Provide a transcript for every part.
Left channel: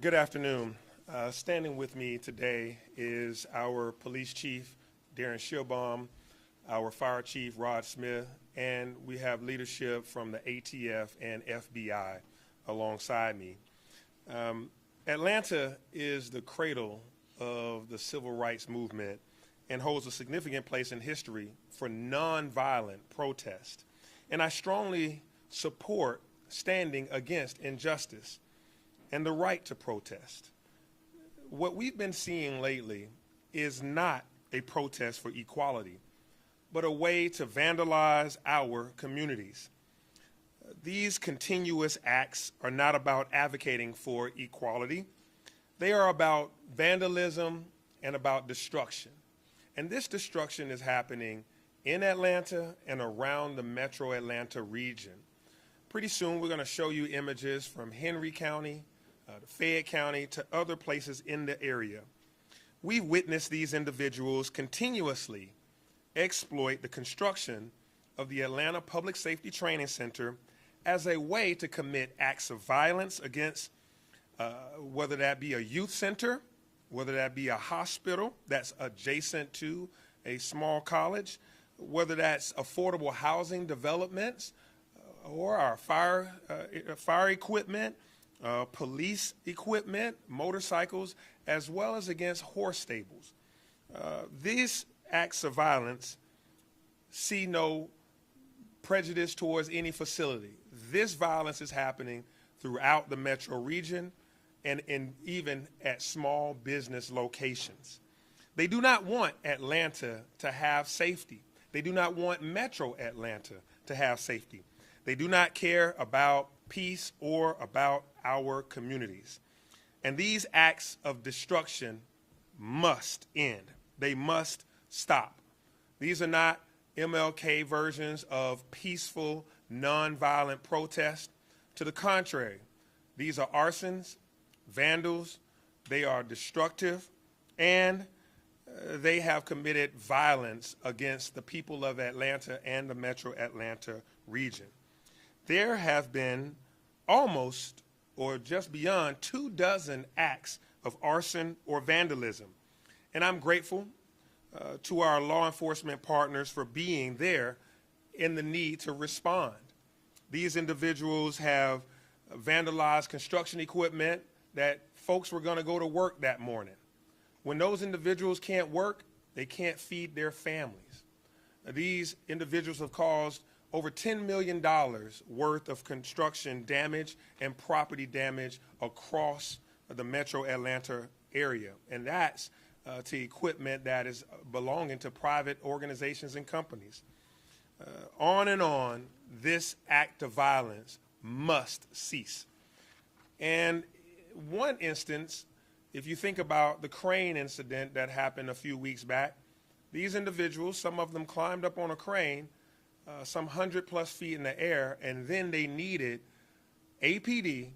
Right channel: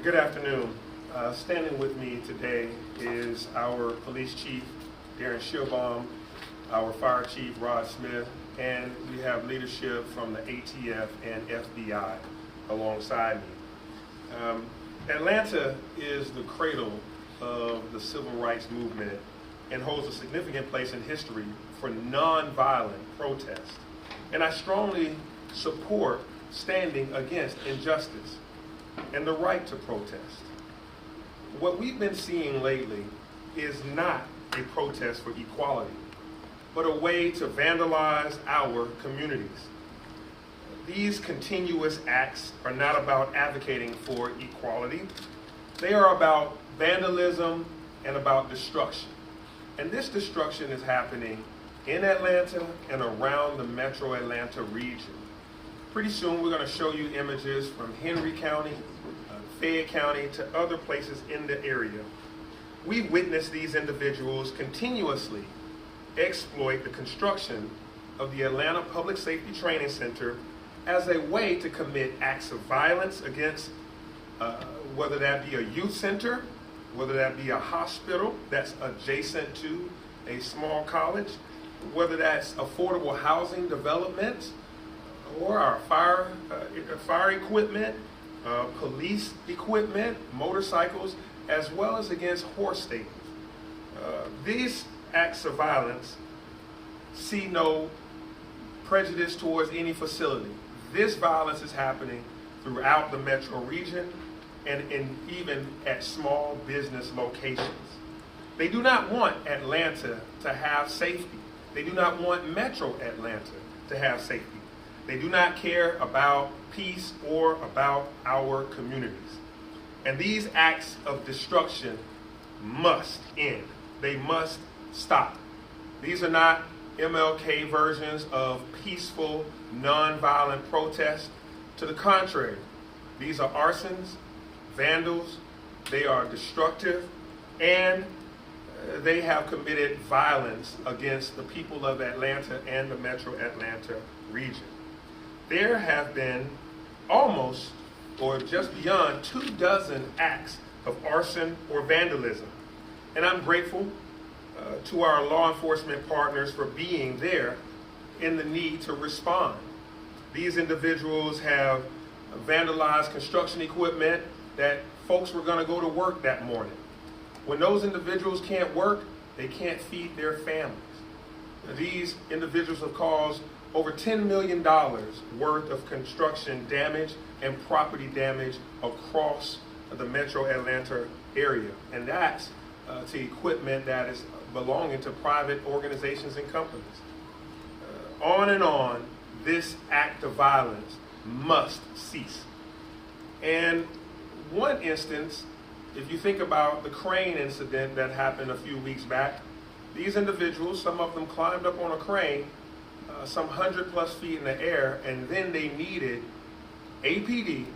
Good afternoon. Standing with me today is our police chief, Darren Shearbaum, our fire chief, Rod Smith, and we have leadership from the ATF and FBI alongside me. Atlanta is the cradle of the civil rights movement and holds a significant place in history for nonviolent protest. And I strongly support standing against injustice and the right to protest. What we've been seeing lately is not a protest for equality, but a way to vandalize our communities. These continuous acts are not about advocating for equality. They are about vandalism and about destruction. And this destruction is happening in Atlanta and around the metro Atlanta region. Pretty soon we're going to show you images from Henry County, Fayette County, to other places in the area. We witness these individuals continuously exploit the construction of the Atlanta Public Safety Training Center as a way to commit acts of violence against, whether that be a youth center, whether that be a hospital that's adjacent to a small college, whether that's affordable housing development, or our fire equipment, police equipment, motorcycles, as well as against horse stables. These acts of violence see no prejudice towards any facility. This violence is happening throughout the metro region and even at small business locations. They do not want Atlanta to have safety. They do not want metro Atlanta to have safety. They do not care about peace or about our communities. And these acts of destruction must end. They must stop. These are not MLK versions of peaceful, nonviolent protest. To the contrary, these are arsons, vandals, they are destructive, and they have committed violence against the people of Atlanta and the metro Atlanta region. There have been almost, or just beyond, 24 acts of arson or vandalism. And I'm grateful to our law enforcement partners for being there in the need to respond. These individuals have vandalized construction equipment that folks were going to go to work that morning. When those individuals can't work, they can't feed their families. These individuals have caused over $10 million worth of construction damage and property damage across the metro Atlanta area. And that's to equipment that is belonging to private organizations and companies. On and on, this act of violence must cease. And one instance, if you think about the crane incident that happened a few weeks back, these individuals, some of them climbed up on a crane some 100+ feet in the air, and then they needed APD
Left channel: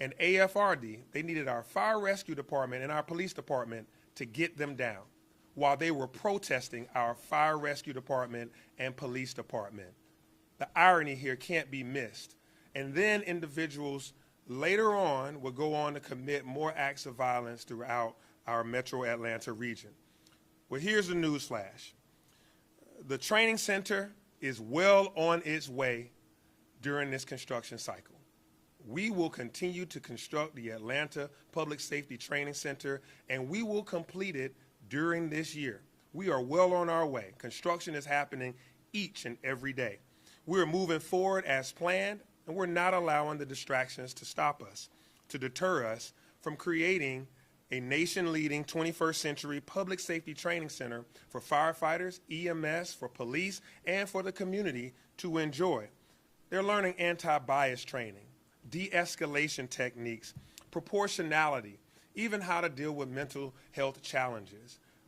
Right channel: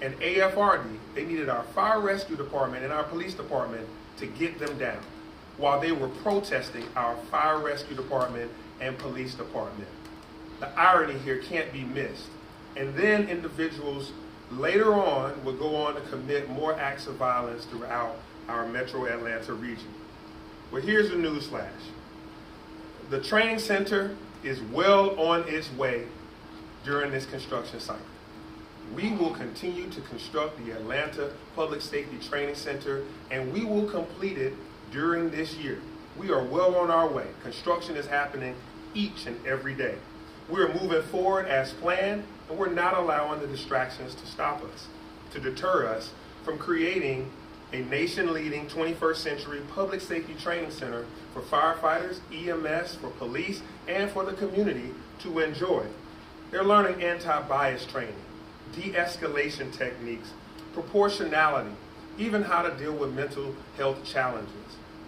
and AFRD. They needed our fire rescue department and our police department to get them down while they were protesting our fire rescue department and police department. The irony here can't be missed. And then individuals later on would go on to commit more acts of violence throughout our metro Atlanta region. Well, here's the newsflash. The training center is well on its way during this construction cycle. We will continue to construct the Atlanta Public Safety Training Center, and we will complete it during this year. We are well on our way. Construction is happening each and every day. We're moving forward as planned, and we're not allowing the distractions to stop us, to deter us from creating a nation-leading 21st century public safety training center for firefighters, EMS, for police, and for the community to enjoy. They're learning anti-bias training, de-escalation techniques, proportionality, even how to deal with mental health challenges,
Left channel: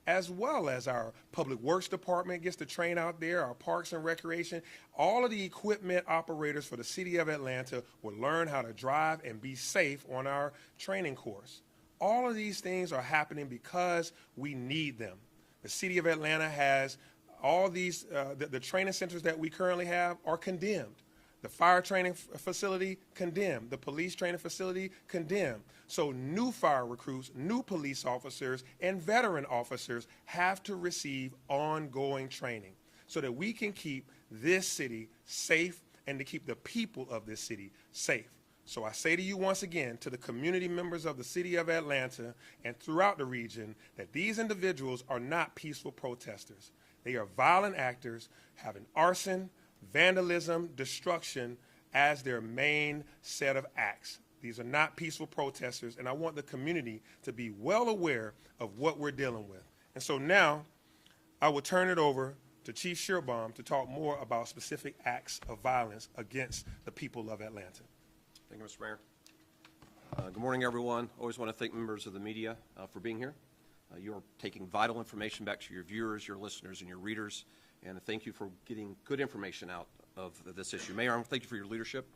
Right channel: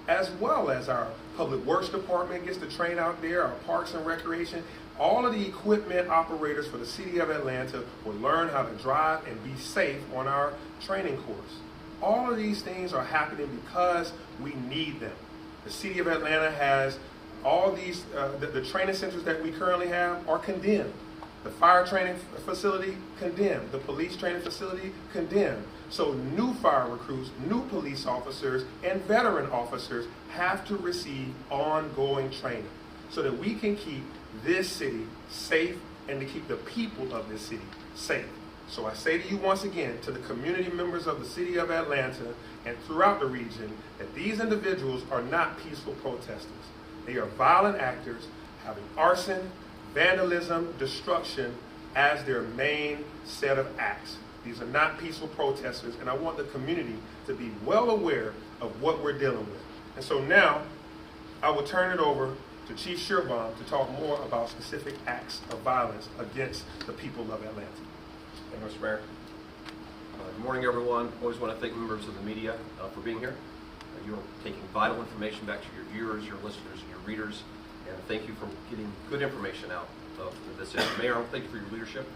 as well as our public works department gets to train out there, our parks and recreation. All of the equipment operators for the city of Atlanta will learn how to drive and be safe on our training course. All of these things are happening because we need them. The city of Atlanta has all these, the training centers that we currently have are condemned. The fire training facility, condemned. The police training facility, condemned. So new fire recruits, new police officers, and veteran officers have to receive ongoing training so that we can keep this city safe and to keep the people of this city safe. So I say to you once again, to the community members of the city of Atlanta and throughout the region, that these individuals are not peaceful protesters. They are violent actors having arson, vandalism, destruction as their main set of acts. These are not peaceful protesters, and I want the community to be well aware of what we're dealing with. And so now, I will turn it over to Chief Shearbaum to talk more about specific acts of violence against the people of Atlanta. Thank you, Mr. Mayor. Good morning, everyone. Always want to thank members of the media for being here. You're taking vital information back to your viewers, your listeners, and your readers, and thank you for getting good information out of this issue. Mayor, I want to thank you for your leadership,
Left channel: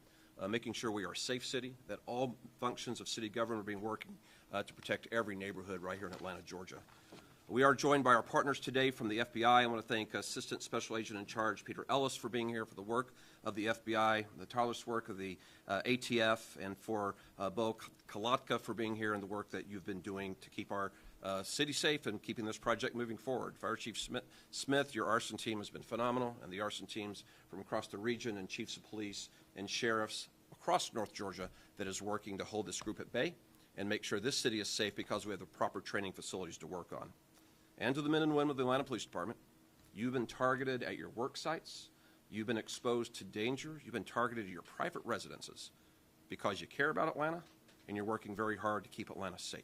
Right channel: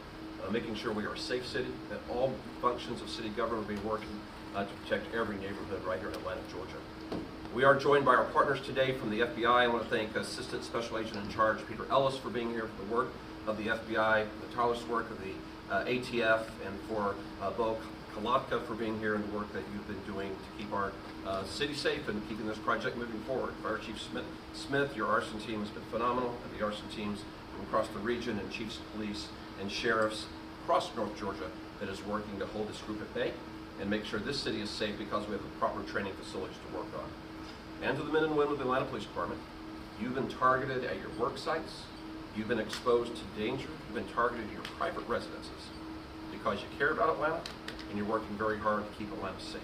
making sure we are a safe city, that all functions of city government are being working to protect every neighborhood right here in Atlanta, Georgia. We are joined by our partners today from the FBI. I want to thank Assistant Special Agent in Charge Peter Ellis for being here, for the work of the FBI, the tireless work of the ATF, and for Bo Kalatka for being here and the work that you've been doing to keep our city safe and keeping this project moving forward. Fire Chief Smith, your arson team has been phenomenal, and the arson teams from across the region, and chiefs of police and sheriffs across North Georgia that is working to hold this group at bay and make sure this city is safe because we have the proper training facilities to work on. And to the men and women of the Atlanta Police Department, you've been targeted at your work sites, you've been exposed to danger, you've been targeted at your private residences because you care about Atlanta and you're working very hard to keep Atlanta safe.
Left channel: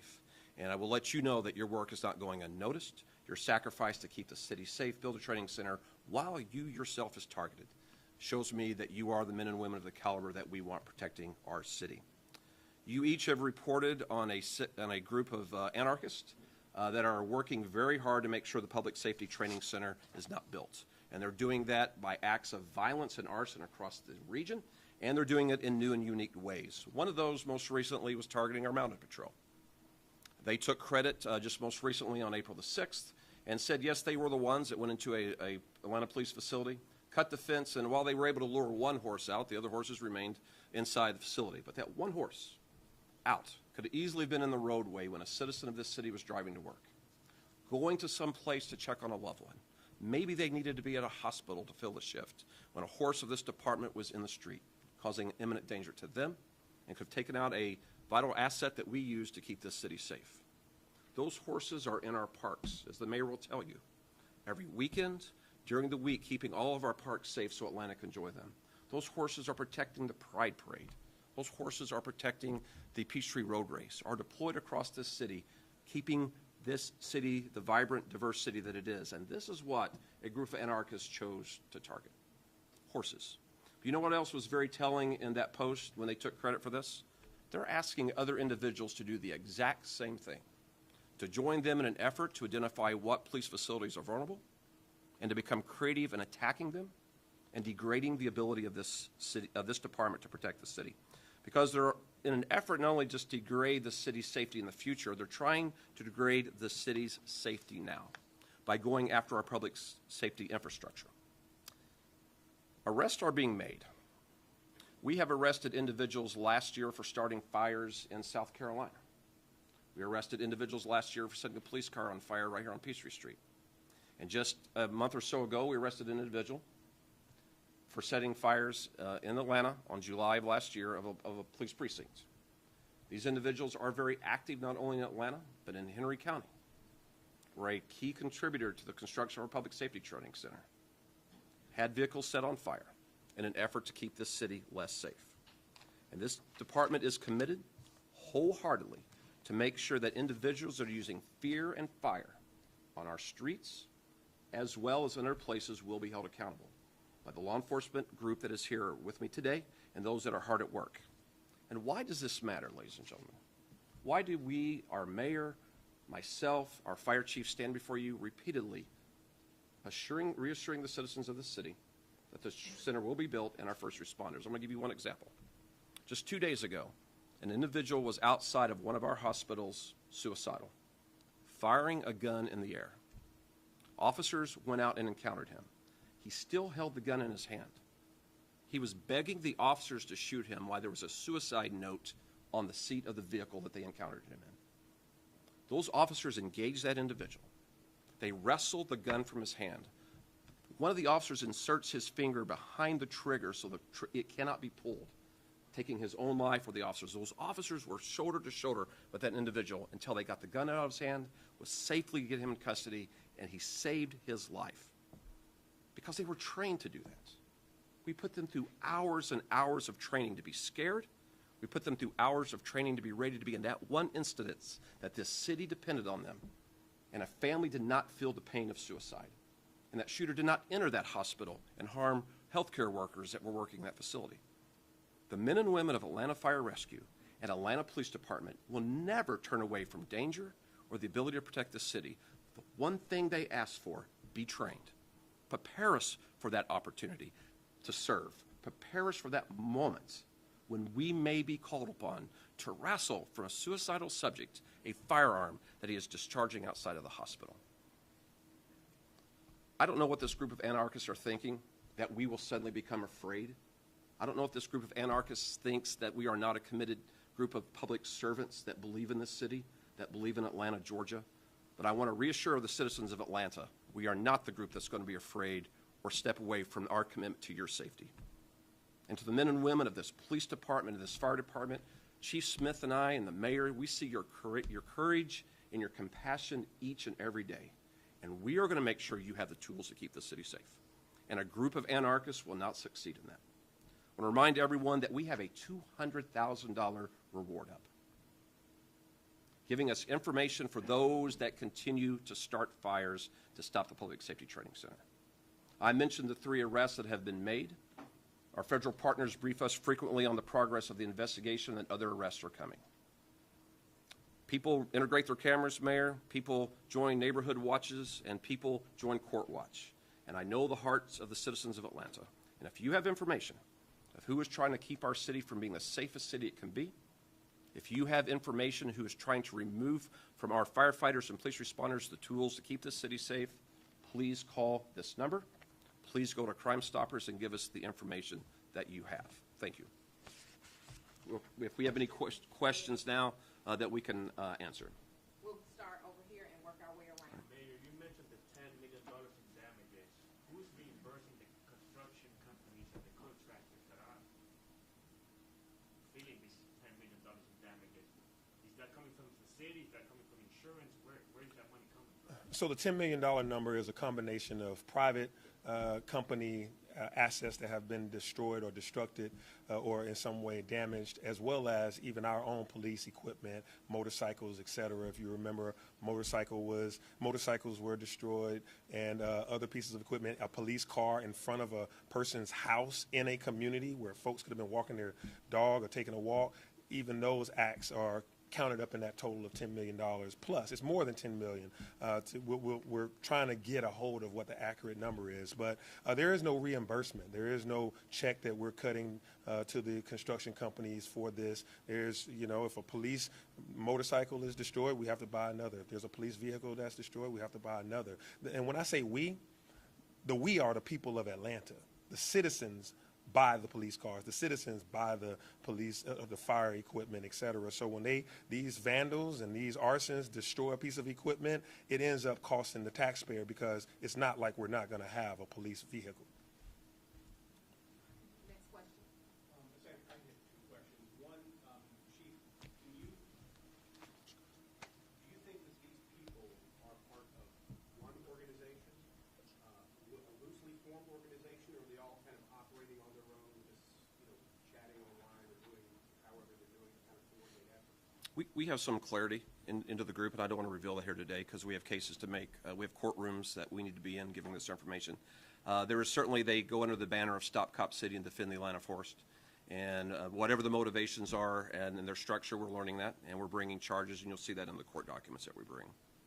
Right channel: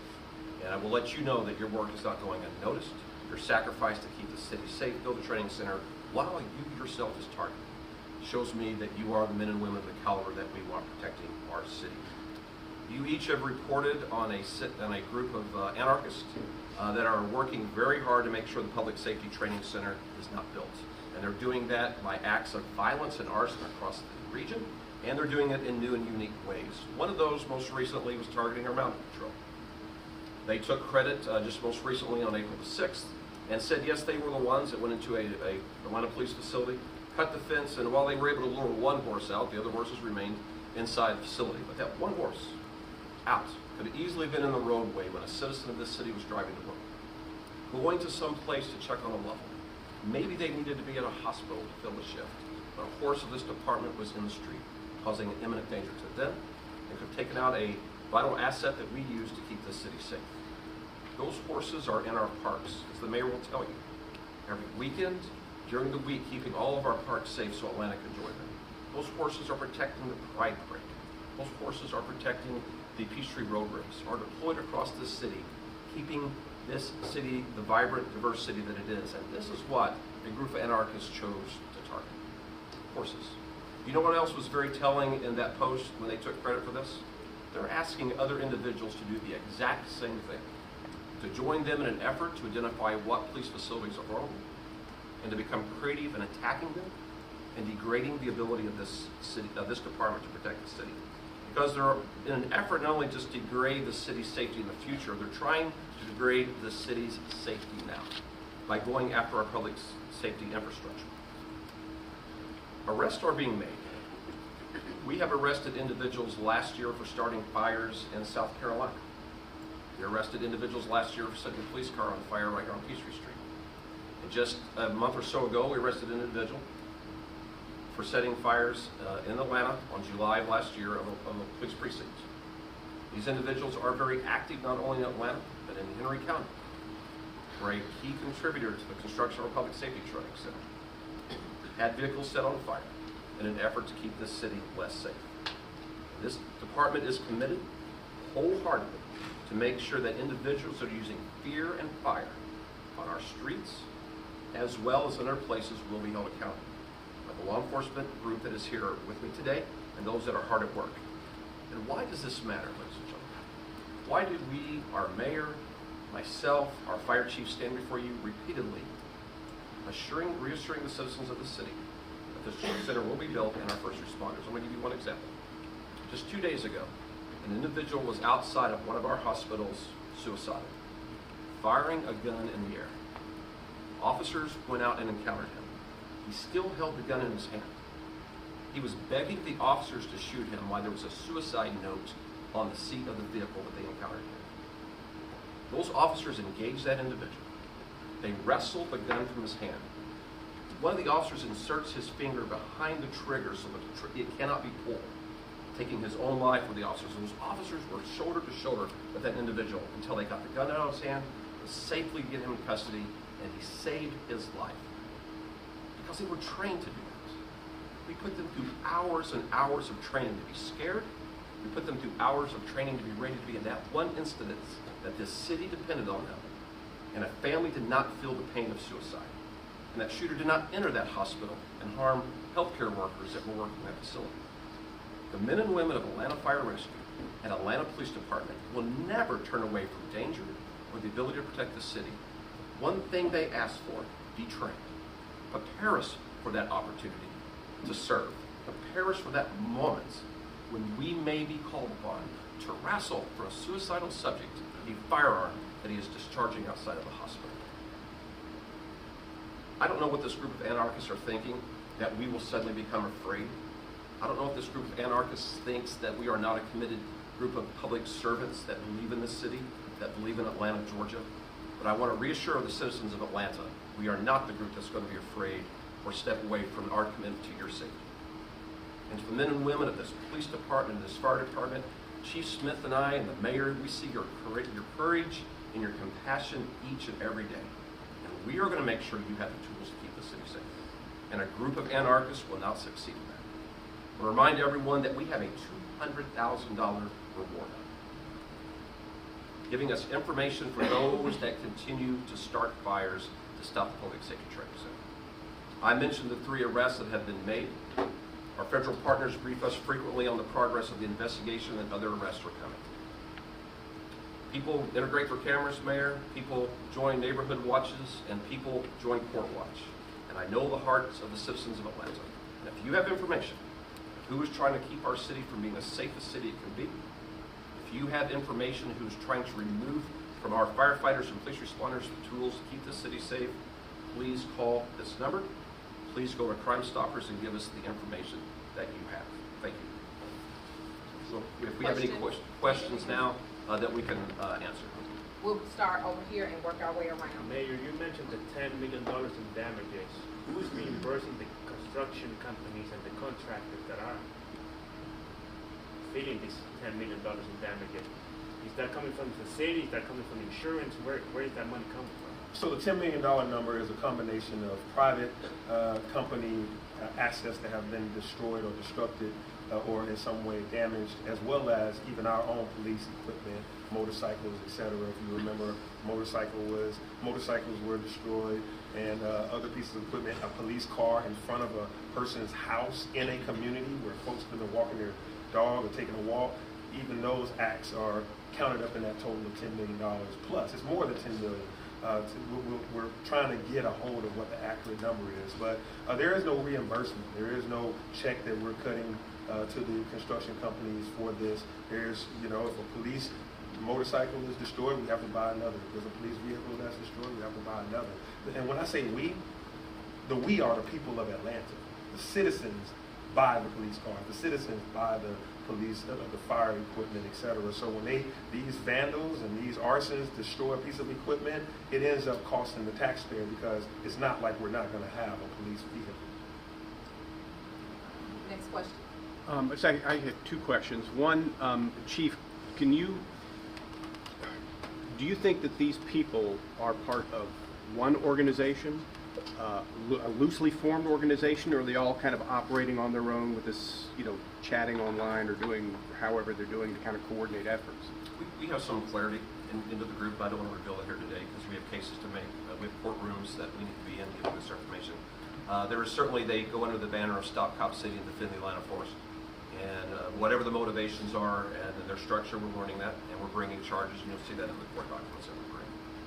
And I will let you know that your work is not going unnoticed. Your sacrifice to keep the city safe, build a training center, while you yourself is targeted, shows me that you are the men and women of the caliber that we want protecting our city. You each have reported on a group of anarchists that are working very hard to make sure the Public Safety Training Center is not built. And they're doing that by acts of violence and arson across the region, and they're doing it in new and unique ways. One of those most recently was targeting our mountain patrol. They took credit just most recently on April the 6th and said, yes, they were the ones that went into a Atlanta police facility, cut the fence, and while they were able to lure one horse out, the other horses remained inside the facility. But that one horse out could have easily been in the roadway when a citizen of this city was driving to work, going to some place to check on a loved one. Maybe they needed to be at a hospital to fill the shift, but a horse of this department was in the street, causing imminent danger to them, and could have taken out a vital asset that we use to keep this city safe. Those horses are in our parks, as the mayor will tell you, every weekend, during the week, keeping all of our parks safe so Atlanta can enjoy them. Those horses are protecting the Pride Parade. Those horses are protecting the Peachtree Road Race, are deployed across this city, keeping this city the vibrant, diverse city that it is. And this is what a group of anarchists chose to target: horses. You know what else was very telling in that post when they took credit for this? They're asking other individuals to do the exact same thing, to join them in an effort to identify what police facilities are vulnerable, and to become creative in attacking them and degrading the ability of this city, of this department to protect the city. Because they're in an effort not only just to degrade the city's safety in the future, they're trying to degrade the city's safety now by going after our public safety infrastructure. Arrests are being made. We have arrested individuals last year for starting fires in South Carolina. We arrested individuals last year for setting a police car on fire right here on Peachtree Street. And just a month or so ago, we arrested an individual for setting fires in Atlanta on July of last year of a police precinct. These individuals are very active not only in Atlanta, but in Henry County. We're a key contributor to the construction of our public safety training center. Had vehicles set on fire in an effort to keep this city less safe. And this department is committed wholeheartedly to make sure that individuals that are using fear and fire on our streets, as well as in other places, will be held accountable by the law enforcement group that is here with me today and those that are hard at work. And why does this matter, ladies and gentlemen? Why did we, our mayor, myself, our fire chief, stand before you repeatedly, reassuring the citizens of the city that this center will be built and our first responders? I'm going to give you one example. Just 2 days ago, an individual was outside of one of our hospitals suicidal, firing a gun in the air. Officers went out and encountered him. He still held the gun in his hand. He was begging the officers to shoot him while there was a suicide note on the seat of the vehicle that they encountered him. Those officers engaged that individual. They wrestled the gun from his hand. One of the officers inserts his finger behind the trigger so that it cannot be pulled, taking his own life with the officers. Those officers were shoulder to shoulder with that individual until they got the gun out of his hand, safely get him in custody, and he saved his life. Because they were trained to do that. We put them through hours and hours of training to be scared. We put them through hours of training to be ready to be in that one instance that this city depended on them. And a family did not feel the pain of suicide. And that shooter did not enter that hospital and harm healthcare workers that were working in that facility. The men and women of Atlanta Fire Rescue and Atlanta Police Department will never turn away from danger or the ability to protect the city. One thing they ask for, be trained. Prepare us for that opportunity to serve. Prepare us for that moment when we may be called upon to wrestle for a suicidal subject, a firearm that he is discharging outside of the hospital. I don't know what this group of anarchists are thinking, that we will suddenly become afraid. I don't know if this group of anarchists thinks that we are not a committed group of public servants that believe in the city, that believe in Atlanta, Georgia. But I want to reassure the citizens of Atlanta, we are not the group that's going to be afraid or step away from our commitment to your safety. And to the men and women of this police department, this fire department, Chief Smith and I and the mayor, we see your courage and your compassion each and every day. And we are going to make sure you have the tools to keep the city safe. And a group of anarchists will not succeed in that. I want to remind everyone that we have a $200,000 reward, giving us information for those that continue to start fires to stop the public safety training center. I mentioned the 3 arrests that have been made. Our federal partners brief us frequently on the progress of the investigation, and other arrests are coming. People integrate their cameras, Mayor. People join neighborhood watches, and people join court watch. And I know the hearts of the citizens of Atlanta. And if you have information of who is trying to keep our city from being the safest city it can be, if you have information who's trying to remove from our firefighters and police responders the tools to keep the city safe, please call this number. Please go to Crime Stoppers and give us the information that you have. Thank you. So if we have any questions now that we can answer. We'll start over here and work our way around. Mayor, you mentioned the $10 million in damages. Who is reimbursing the construction companies and the contractors that are feeling this $10 million in damages? Is that coming from the city? Is that coming from insurance? Where is that money coming from? So the $10 million number is a combination of private company assets that have been destroyed or destructed or in some way damaged, as well as even our own police equipment, motorcycles, etc. If you remember, motorcycles were destroyed, and other pieces of equipment, a police car in front of a person's house in a community where folks have been walking their dog or taking a walk. Even those acts are counted up in that total of $10 million plus. It's more than $10 million. We're trying to get a hold of what the accurate number is, but there is no reimbursement. There is no check that we're cutting to the construction companies for this. There's, if a police motorcycle is destroyed, we have to buy another. If there's a police vehicle that's destroyed, we have to buy another. And when I say we, the we are the people of Atlanta. The citizens buy the police cars. The citizens buy the police, the fire equipment, etc. So when these vandals and these arsons destroy a piece of equipment, it ends up costing the taxpayer, because it's not like we're not going to have a police vehicle. Next question. So I had 2 questions. One, Chief, do you think that these people are part of one organization, a loosely formed organization, or are they all kind of operating on their own with this, chatting online or doing however they're doing to kind of coordinate efforts? We have some clarity into the group. I don't want to reveal it here today because we have cases to make. We have courtrooms that we need to be in giving this information. There is certainly, they go under the banner of Stop Cop City and Defend the Atlanta Force. And whatever the motivations are and their structure, we're learning that, and we're bringing charges, and you'll see that in the court documents that we bring.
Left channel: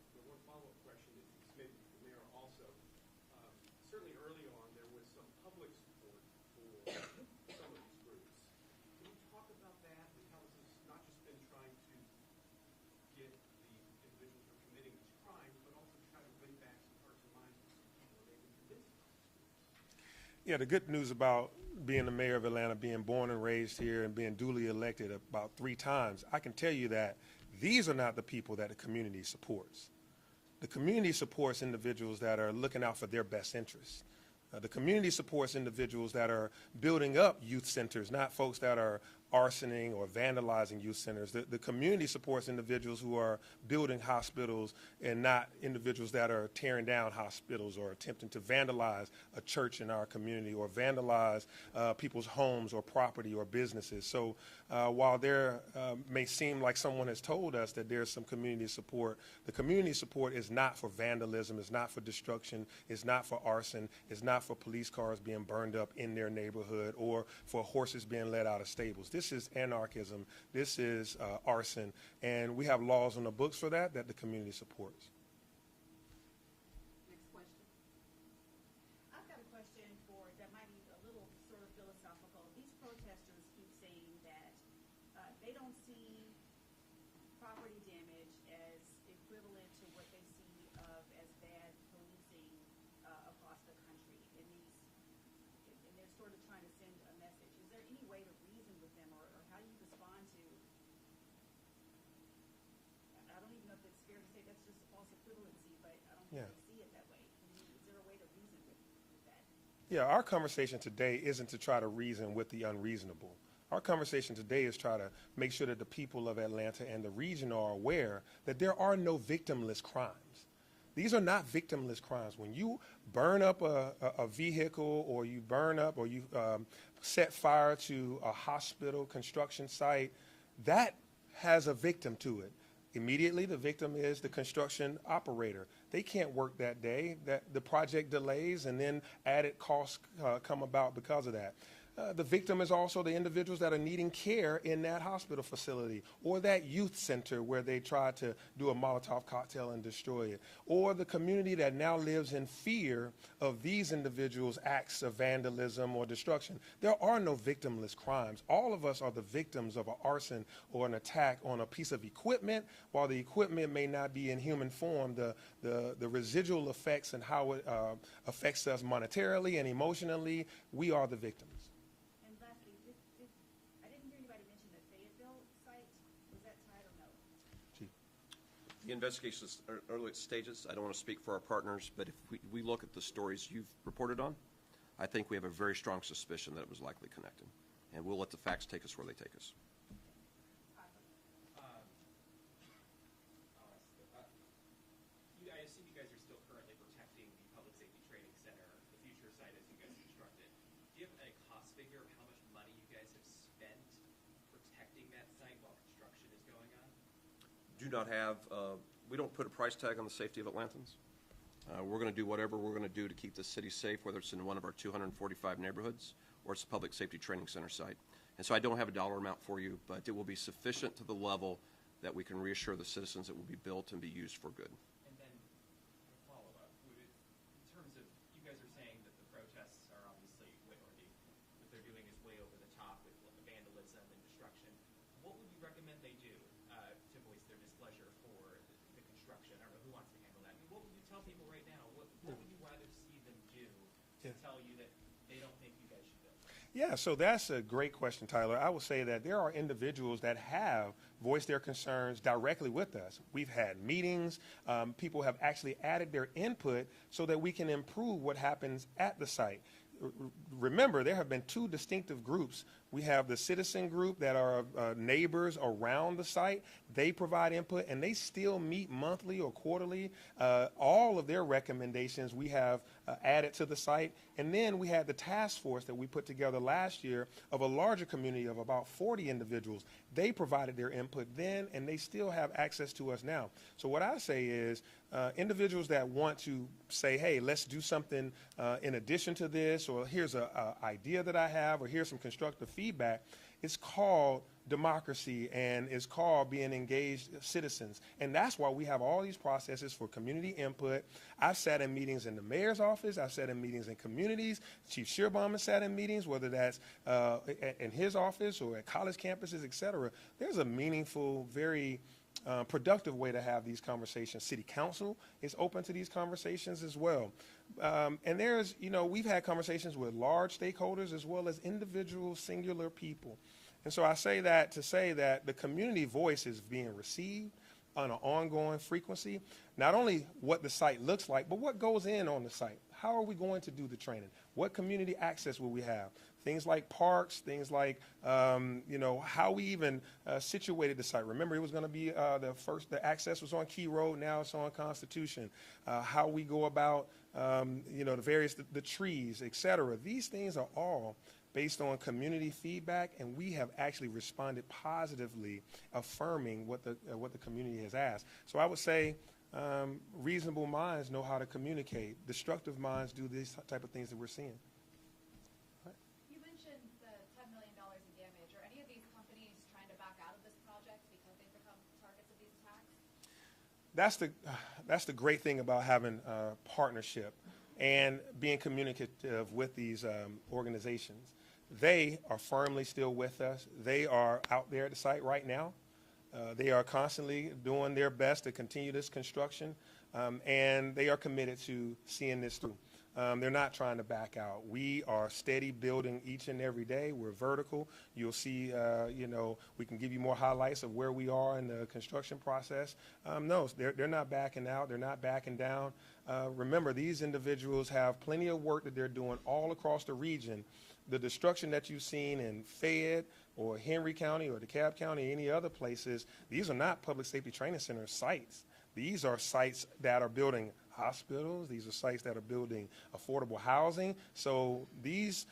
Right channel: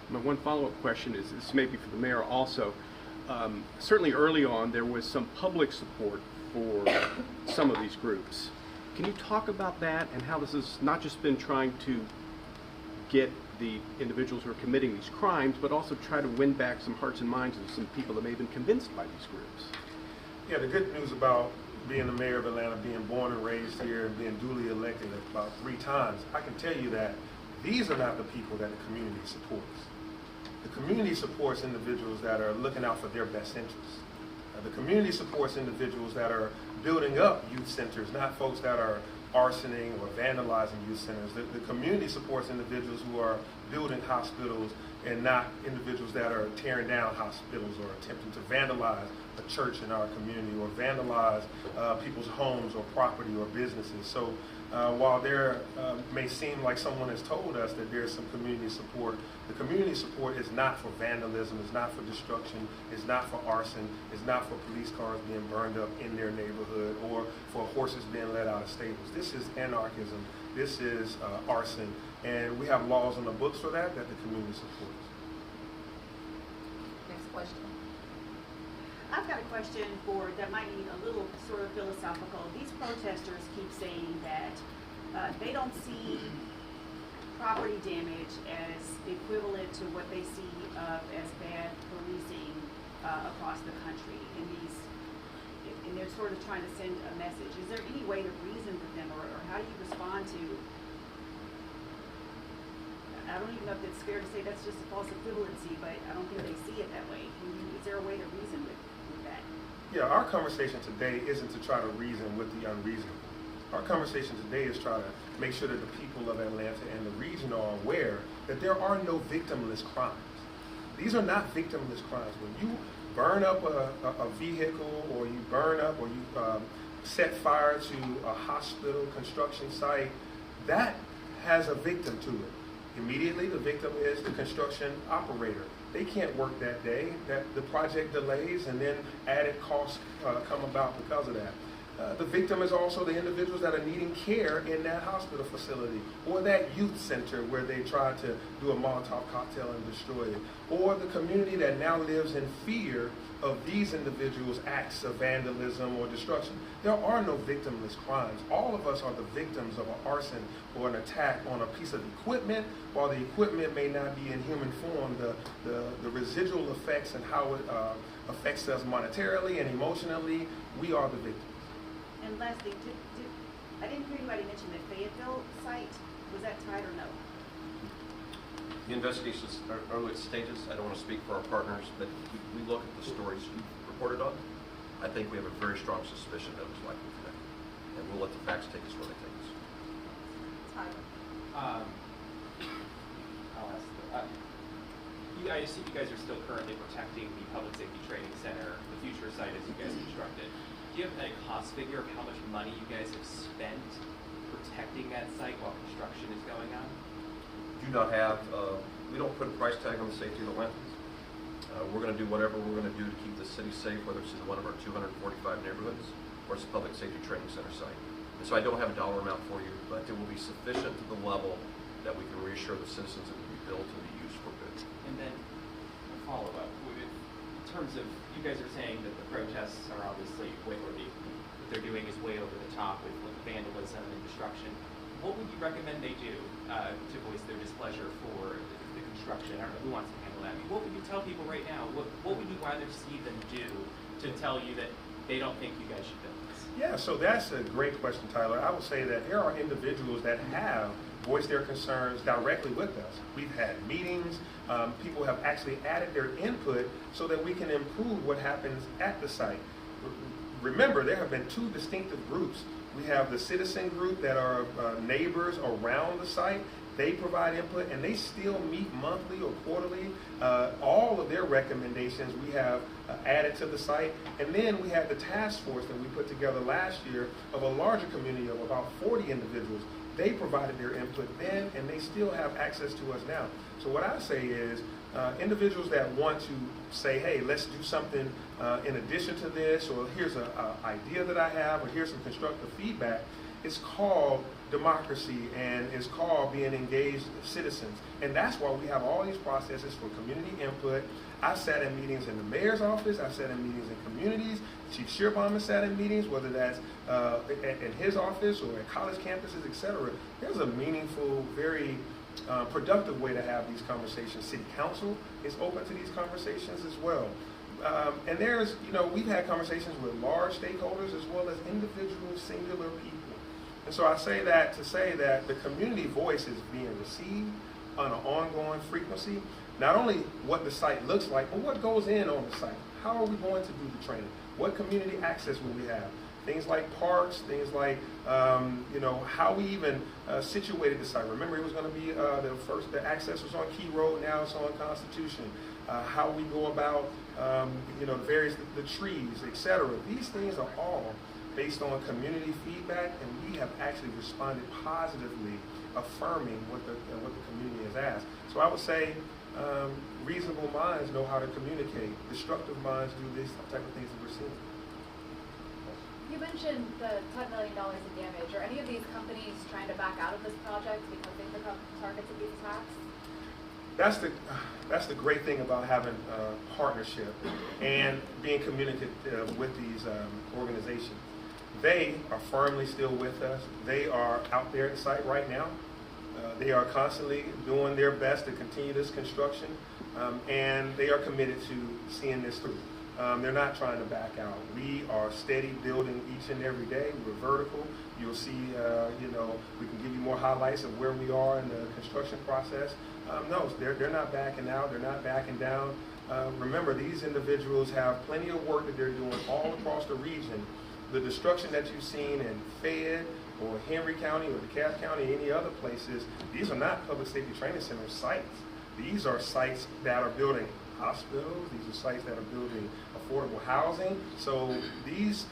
My one follow-up question is, this may be for the mayor also. Certainly early on, there was some public support for some of these groups. Can you talk about that and how this has not just been trying to get the individuals who are committing these crimes, but also try to win back some hearts and minds of some people that may have been convinced by these groups? Yeah, the good news about being the mayor of Atlanta, being born and raised here, and being duly elected about 3 times, I can tell you that these are not the people that the community supports. The community supports individuals that are looking out for their best interests. The community supports individuals that are building up youth centers, not folks that are arsoning or vandalizing youth centers. The community supports individuals who are building hospitals and not individuals that are tearing down hospitals or attempting to vandalize a church in our community or vandalize people's homes or property or businesses. So while there may seem like someone has told us that there's some community support, the community support is not for vandalism, it's not for destruction, it's not for arson, it's not for police cars being burned up in their neighborhood or for horses being let out of stables. This is anarchism, this is arson, and we have laws on the books for that the community supports. Next question. I've got a question that might be a little sort of philosophical. These protesters keep saying that they don't see property damage as equivalent to what they see as bad policing across the country. And they're sort of trying to send a message. Is there any way to reason with them, or how do you respond to? I don't even know if it's fair to say that's just a false equivalency, but I don't think they see it that way. Is there a way to reason with that? Yeah, our conversation today isn't to try to reason with the unreasonable. Our conversation today is try to make sure that the people of Atlanta and the region are aware that there are no victimless crimes. These are not victimless crimes. When you burn up a vehicle, or you burn up, or you set fire to a hospital construction site, that has a victim to it. Immediately, the victim is the construction operator. They can't work that day. The project delays, and then added costs come about because of that. The victim is also the individuals that are needing care in that hospital facility, or that youth center where they tried to do a Molotov cocktail and destroy it, or the community that now lives in fear of these individuals' acts of vandalism or destruction. There are no victimless crimes. All of us are the victims of an arson or an attack on a piece of equipment. While the equipment may not be in human form, the residual effects and how it affects us monetarily and emotionally, we are the victims. And lastly, I didn't hear anybody mention the Fayetteville site. Was that tied or no? The investigation is early stages. I don't want to speak for our partners, but we look at the stories you've reported on. I think we have a very strong suspicion that it was likely connected. And we'll let the facts take us where they take us. Tyler. I'll ask. I assume you guys are still currently protecting the Public Safety Training Center, the future site as you guys construct it. Do you have a cost figure of how much money you guys have spent protecting that site while construction is going on? Do not have, we don't put a price tag on the safety of Atlantans. We're going to do whatever we're going to do to keep the city safe, whether it's in one of our 245 neighborhoods or it's a Public Safety Training Center site. And so I don't have a dollar amount for you, but it will be sufficient to the level that we can reassure the citizens it will be built to be used for good. And then a follow-up, in terms of, you guys are saying that the protests are obviously way, or what they're doing is way over the top with vandalism and destruction. What would you recommend they do to voice their displeasure for the construction? I don't know who wants to handle that. I mean, what would you tell people right now? What would you rather see them do to tell you that they don't think you guys should build this? Yeah, so that's a great question, Tyler. I would say that there are individuals that have voiced their concerns directly with us. We've had meetings. People have actually added their input so that we can improve what happens at the site. Remember, there have been 2 distinctive groups. We have the citizen group that are neighbors around the site. They provide input, and they still meet monthly or quarterly. All of their recommendations we have added to the site. And then we have the task force that we put together last year of a larger community of about 40 individuals. They provided their input then, and they still have access to us now. So what I say is, individuals that want to say, hey, let's do something in addition to this, or here's an idea that I have, or here's some constructive feedback, it's called democracy, and it's called being engaged citizens. And that's why we have all these processes for community input. I've sat in meetings in the mayor's office, I've sat in meetings in communities, Chief Shearbom has sat in meetings, whether that's in his office or at college campuses, etc. There's a meaningful, very productive way to have these conversations. City Council is open to these conversations as well. And there's, we've had conversations with large stakeholders as well as individual singular people. And so I say that to say that the community voice is being received on an ongoing frequency. Not only what the site looks like, but what goes in on the site. How are we going to do the training? What community access will we have? Things like parks, things like, how we even situated the site. Remember, it was going to be the access was on Key Road, now it's on Constitution. How we go about, the trees, etc. These things are all based on community feedback, and we have actually responded positively, affirming what the community has asked. So I would say reasonable minds know how to communicate. Destructive minds do these type of things that we're seeing. You mentioned the $10 million in damage. Are any of these companies trying to back out of this project because they become targets of these attacks? That's the great thing about having partnership and being communicative with these organizations. They are firmly still with us. They are out there at site right now. They are constantly doing their best to continue this construction, and they are committed to seeing this through. They're not trying to back out. We are steady building each and every day. We're vertical. You'll see, we can give you more highlights of where we are in the construction process. No, they're not backing out. They're not backing down. Remember, these individuals have plenty of work that they're doing all across the region. The destruction that you've seen in Fayette or Henry County or DeKalb County, any other places, these are not public safety training center sites. These are sites that are building hospitals. These are sites that are building affordable housing. So these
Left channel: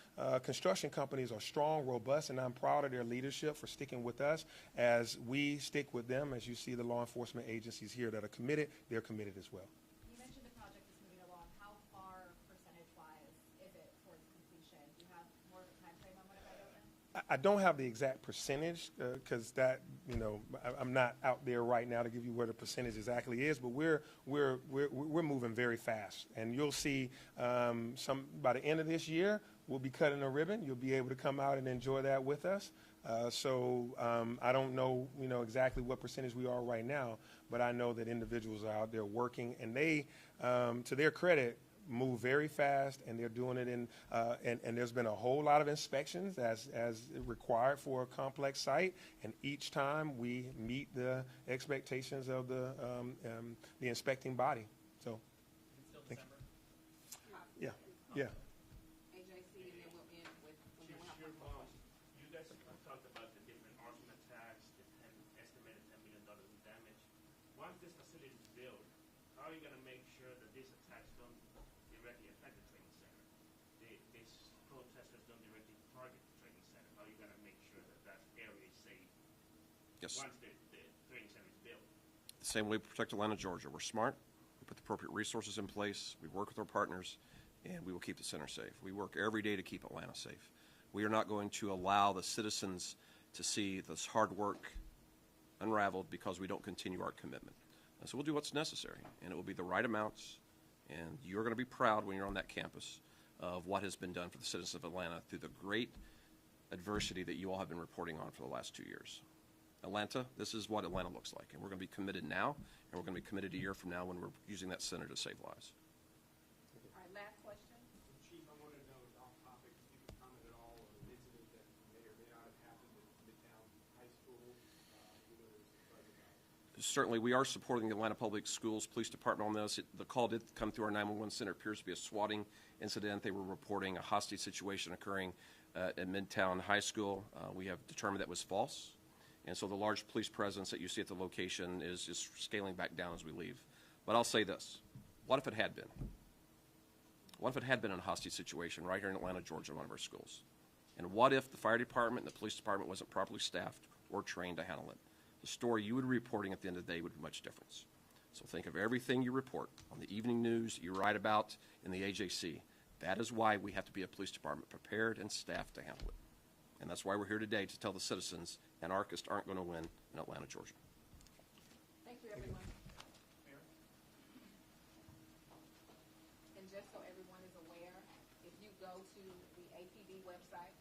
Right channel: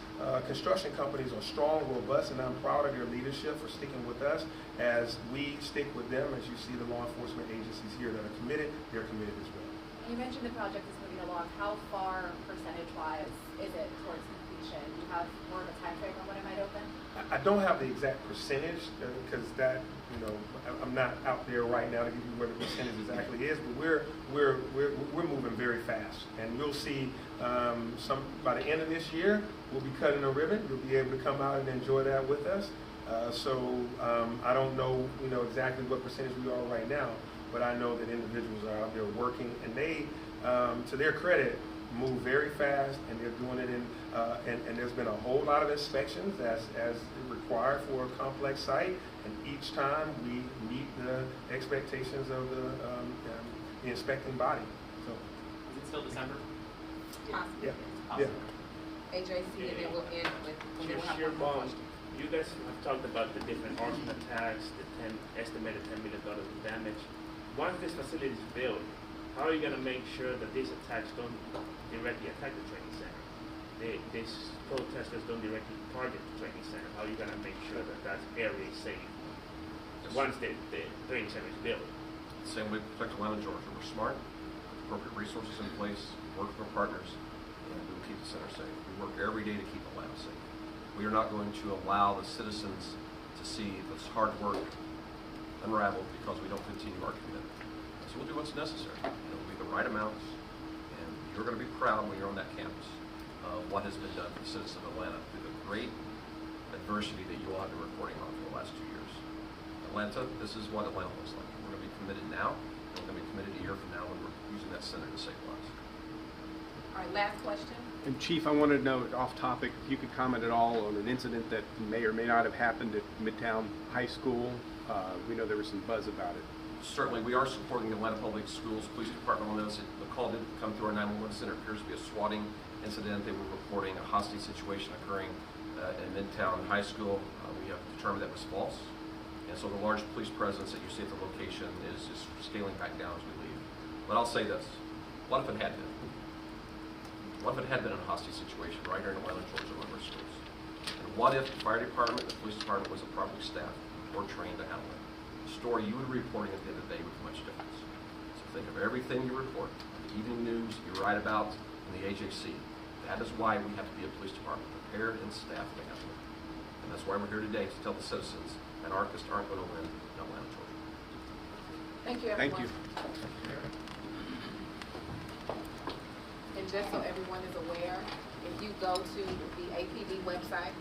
construction companies are strong, robust, and I'm proud of their leadership for sticking with us as we stick with them. As you see the law enforcement agencies here that are committed, they're committed as well. You mentioned the project is moving along. How far, percentage-wise, is it towards completion? Do you have more of a time frame on when it might open? I don't have the exact percentage because I'm not out there right now to give you what the percentage exactly is, but we're moving very fast, and you'll see by the end of this year we'll be cutting a ribbon. You'll be able to come out and enjoy that with us. I don't know exactly what percentage we are right now, but I know that individuals are out there working, and they, to their credit, move very fast, and they're doing it in, and there's been a whole lot of inspections as required for a complex site, and each time we meet the expectations of the inspecting body. So, Is it still December? yeah. Awesome. AJC, and then we'll end with, and then we'll have one more question. You guys have talked about the different arson attacks, the estimated $10 million in damage. Once this facility is built, how are you going to make sure that these attacks don't directly attack the training center? These protesters don't directly target the training center. How are you going to make sure that that area is safe once the training center is built? Same way we protect Atlanta, Georgia. We're smart, put appropriate resources in place, we work with our partners, and we will keep the center safe. We work every day to keep Atlanta safe. We are not going to allow the citizens to see this hard work unraveled because we don't continue our commitment. So we'll do what's necessary, and it will be the right amounts, and you're going to be proud when you're on that campus of what has been done for the citizens of Atlanta through the great adversity that you all have been reporting on for the last 2 years. Atlanta, this is what Atlanta looks like. We're going to be committed now, and we're going to be committed a year from now when we're using that center to save lives. All right, last question. And Chief, I wanted to know, off topic, if you could comment at all on an incident that may or may not have happened at Midtown High School. We know there was some buzz about it. Certainly, we are supporting the Atlanta Public Schools Police Department on this. The call did come through our 911 center. It appears to be a swatting incident. They were reporting a hostage situation occurring in Midtown High School. We have determined that was false. And so the large police presence that you see at the location is just scaling back down as we leave. But I'll say this. What if it had been? What if it had been a hostage situation right here in Atlanta, Georgia, one of our schools? And what if the fire department, the police department wasn't properly staffed or trained to handle it? The story you would be reporting at the end of the day would be much different. So think of everything you report, the evening news you write about in the AJC. That is why we have to be a police department prepared and staffed to handle it. And that's why we're here today to tell the citizens anarchists aren't going to win in Atlanta, Georgia. Thank you, everyone. Thank you. And just so everyone is aware, if you go to the APD website,